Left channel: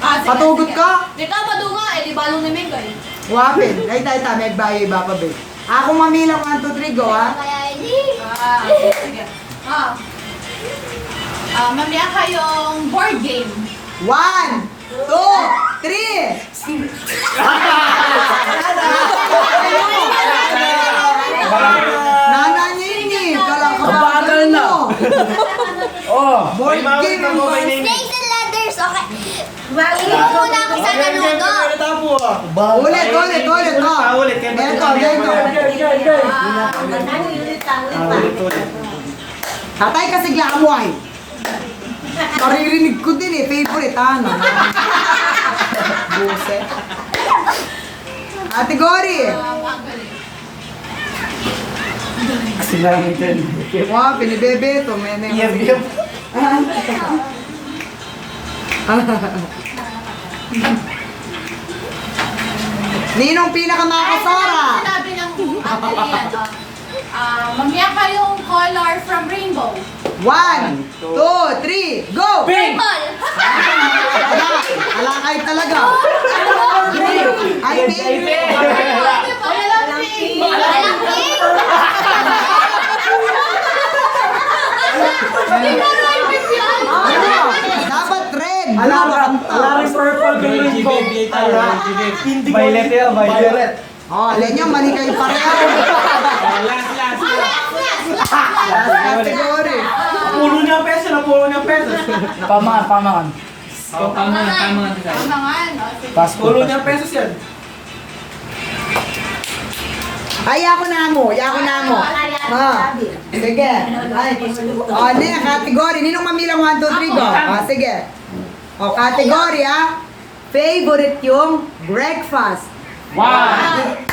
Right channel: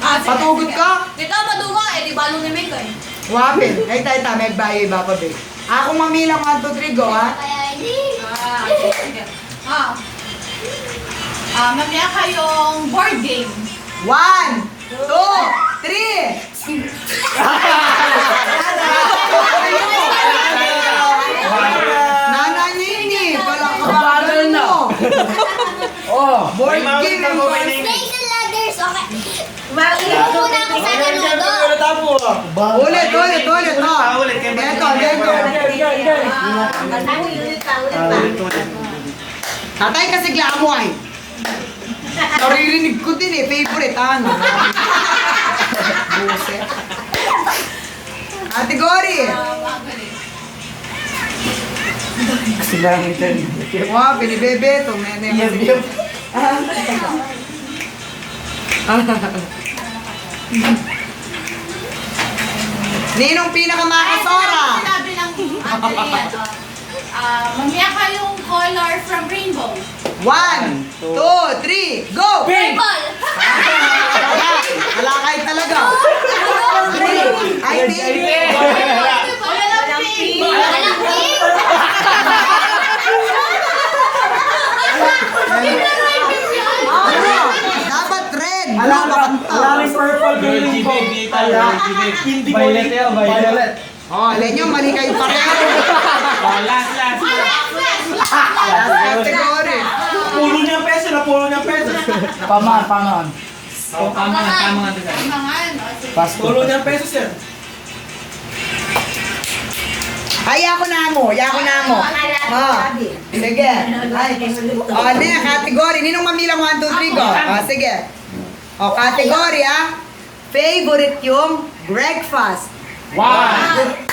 Patugot ka? Dito maduma eh, di balo ni Ming eh. Wapin. Ay, tayo, may bagay ba pa, babe? Ako mamilang 1, 2, 3, go, ha? Sige. Mamaya kayong board game. 1, 2, 3! Nananyinig! Kabagal na. Oh. Board game yung Snakes and ladders, okay. Ipo muna ako sa nanudo. Ulit, no? Ito. Tatay kasi glamoy. Naririnig ko din eh, favorite, ano? Buset. Category. Sila yung ito. Wow, pinibebe ito. Ninong pinakamakasora? Sinabi ng Andrea, mamaya kayong color from rainbow. 1, 2, 3, go! Pink! Alakay talaga. Green. Ay, pink. Wala lang pink. Dapat red. Alam purple green po. Violet yan, violet. Oh, alam nyo, mali kayo pareho. Last. Category. Pulo niyang peso na pulo niyang peso. Pamaan. Tamangan. Pass Pulo niyang peso yan. Ay, ako na mo. Sige. Ay. Oh, ne, category. Ninong mamilang 1, 2, 3, go. Oh, sige. Oh, category, ha. Favorite yung breakfast. 1,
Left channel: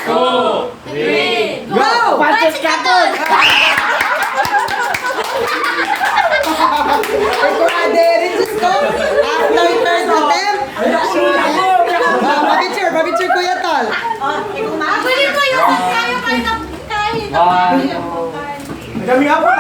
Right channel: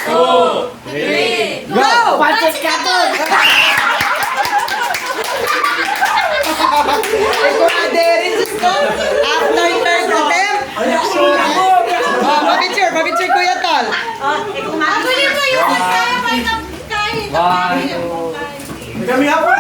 2, 3. Go! Pances Katon! Ikaw na, Derek. Just go. After third attempt. Oh, mabitsure, Kuya Tol. Actually po yung kaya kahit Kami ako.